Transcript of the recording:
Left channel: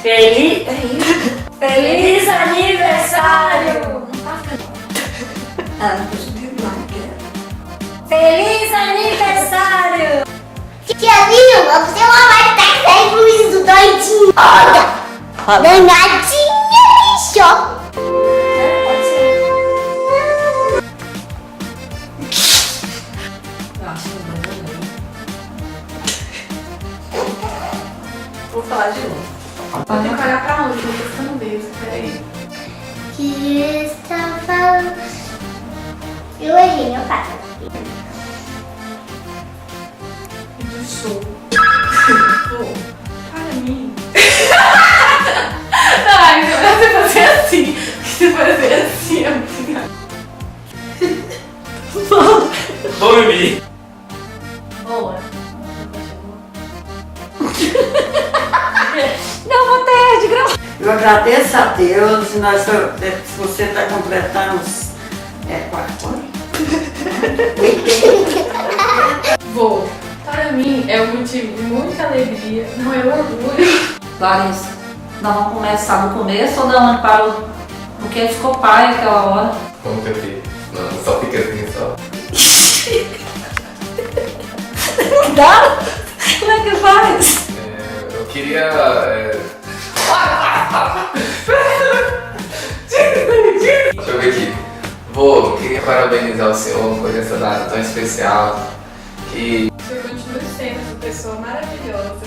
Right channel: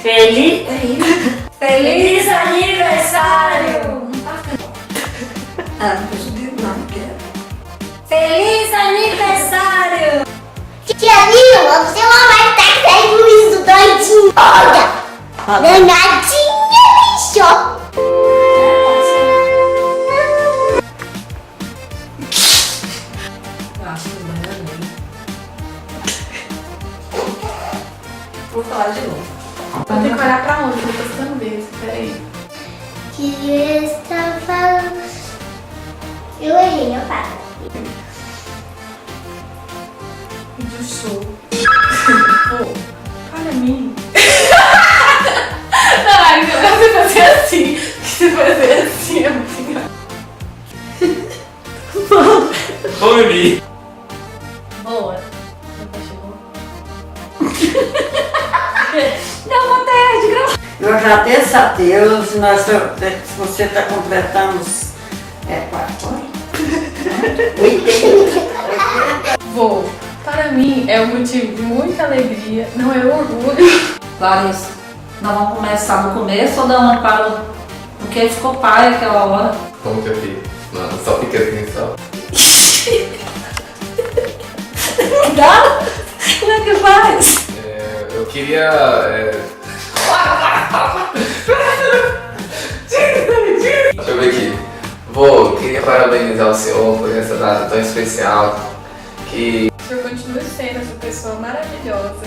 Feliz aniversário! Feliz aniversário! Tia Vilma, você é uma marca de juízo doidinho. Olha, danadinha, bicho. Eu acho que eu bananei. Vou falar de novo. Vou ter que olhar pra onde? Eu tô ficando besta, peraí. Que está falando? Eu errei, eu falo. E do show. Pô, para mim. Ai, não, você fazer assim. Você fazer assim é muito engraçado. Vou beber. Boa. Não perde, viu? Eu agradeço a Deus, se você está completando 80. Vou. Para mim é um motivo de muita alegria. Não é orgulho. Larissa, nós vamos começar do começo ou da onde parou? Porque ficou pai aquela hora. Como que eu fiz? Não, só fica assim só. Dá? Como é que faz? Eu queria. Deixa eu ver aqui. Queria parabenizar o senhor por essa data tão especial. Que O senhor continua sendo essa pessoa maravilhosa.